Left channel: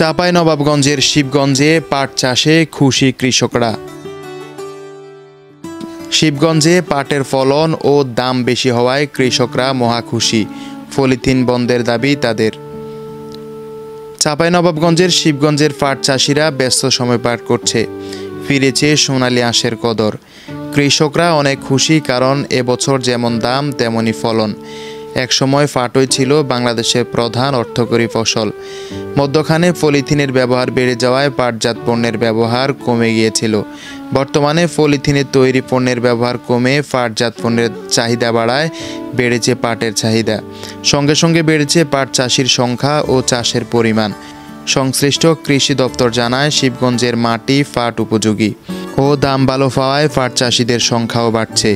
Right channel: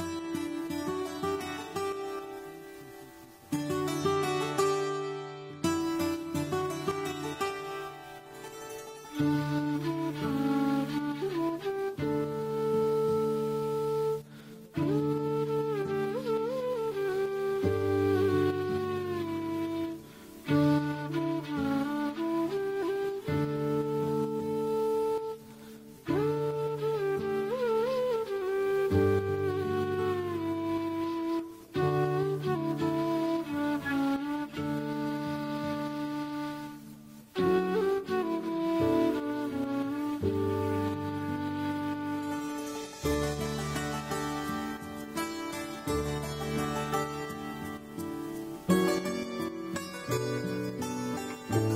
চাঁপাইনবাবগঞ্জের শিবগঞ্জে পাট চাষে খুশি কৃষকরা। শিবগঞ্জে পাটের ফলন ও দাম বেশি হওয়ায় কৃষকরা মহা খুশি। পলিথিন বন্ধের দাবি তাদের। চাঁপাইনবাবগঞ্জের শিবগঞ্জের পাট চাষিরা ব্যস্ত সময় পার করছে। ফিরেছে সোনালী আঁশের কদর। কৃষকরা অনেক খুশি, কারণ এবছর যেমন দাম তেমনই ফলন। একসময় পাটই ছিল বাংলাদেশের প্রধান অর্থকরী ফসল। মধ্যখানে পলিথিনের ব্যবহার বেড়ে যাওয়ায় পাটজাত পণ্যের ব্যবহার কমে গিয়েছিল। বর্তমানে পলিথিনের তৈরি পণ্যের ব্যবহার কমে পাটজাত পণ্যের চাহিদা বাড়ায় বেড়েছে পাটের চাহিদা। সঙ্গে সঙ্গে বেড়েছে পাট চাষির সংখ্যা ও চাষের পরিমাণ। সংশ্লিষ্ট কৃষি দপ্তর জানায়, শিবগঞ্জের মাটি পাট উপযোগী ও দাম ভালো পাওয়ায় পাট চাষিদের সংখ্যাও বাড়ছে।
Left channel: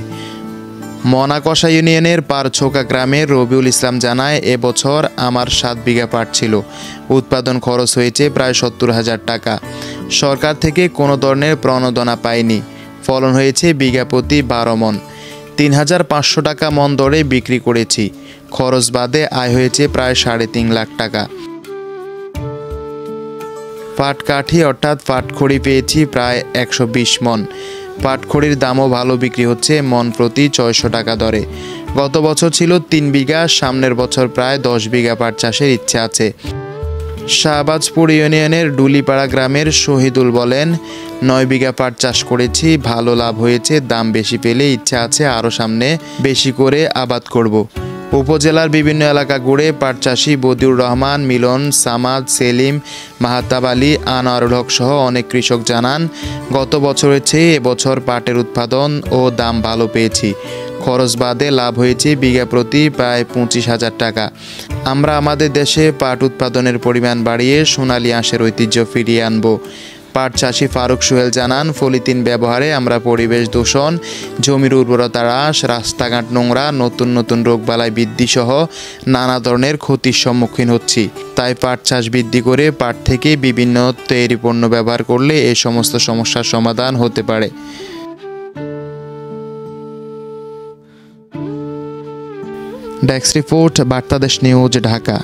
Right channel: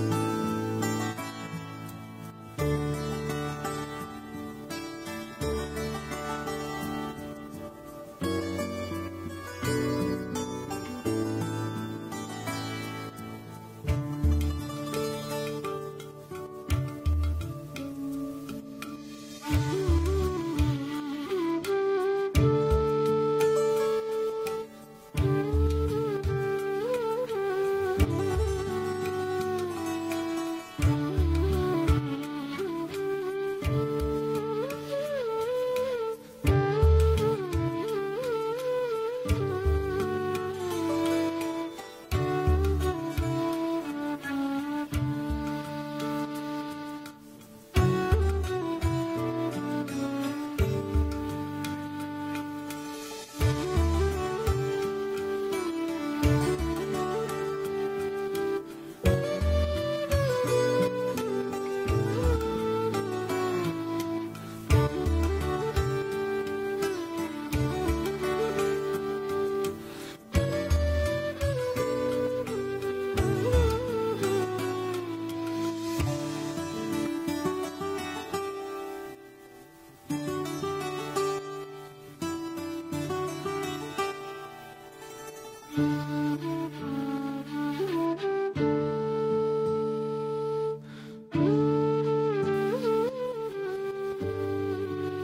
মনাকষা ইউনিয়নের পারছোকা গ্রামের রবিউল ইসলাম জানায়, এবছর আমার 7 বিঘা পাট ছিল। উৎপাদন খরচ হয়েছে প্রায় 70,000 টাকা। সরকার থেকে কোনো ধরনের প্রণোদনা পাইনি। ফলন হয়েছে বিঘা প্রতি 12 মণ। 3,500 টাকা মণ দরে বিক্রি করেছি। খরচ বাদে আয় হয়েছে প্রায় 3.5 লাখ টাকা। পাটকাঠি অর্থাৎ পাটখড়ি পেয়েছি প্রায় 120 মণ। পাটখড়ির দামও ভালো বিক্রি হচ্ছে মণ প্রতি 600 টাকা দরে। গত বছর ছিল 3 বিঘা, সামনের বছর প্রায় 10 বিঘা পাট চাষের ইচ্ছে আছে। শাহবাজপুর ইউনিয়নের ডুলিপাড়া গ্রামের শহীদুল বলেন, 9 বিঘা পাট চাষ করেছি, ভালো লাভ হয়েছে। দাম বেশি পেলে ইচ্ছা আছে আরও সামনে বেশি করে আবাদ করব। উপজেলার বিভিন্ন এলাকা ঘুরে পাট চাষি বদিউর রহমান, মিলন, সামাদ, সেলিম, মাহাতাব আলী, আনোয়ারুল হক সহ অনেক কৃষক জানান, গত বছরের চেয়ে এবছর পাটের উৎপাদন ও দাম ভালো পেয়েছি। খরচ বাদে লাভ হয়েছে বিঘা প্রতি প্রায় 25,000 টাকা। আমরা আমাদের দেশে পাট উৎপাদনের পরিমাণ বাড়িয়ে সোনালী আঁশের ঐতিহ্য ফিরিয়ে আনব। পাট চাষি ফারুক সোহেল জানান, পলিথিন ব্যবহারে আমরা পরিবেশ দূষণ, জমির উর্বরতা হ্রাস, রাস্তাঘাট নোংরা, নতুন নতুন রোগবালাই বৃদ্ধি সহ নানা ধরনের ক্ষতির সম্মুখীন হচ্ছি। তাই পাট চাষ বৃদ্ধি করে পাট থেকে বিভিন্ন তৈরি পণ্য ব্যবহার করলে এই সমস্ত সমস্যার সমাধান হতে পারে। Desk report, Bartadesh news, Dhaka.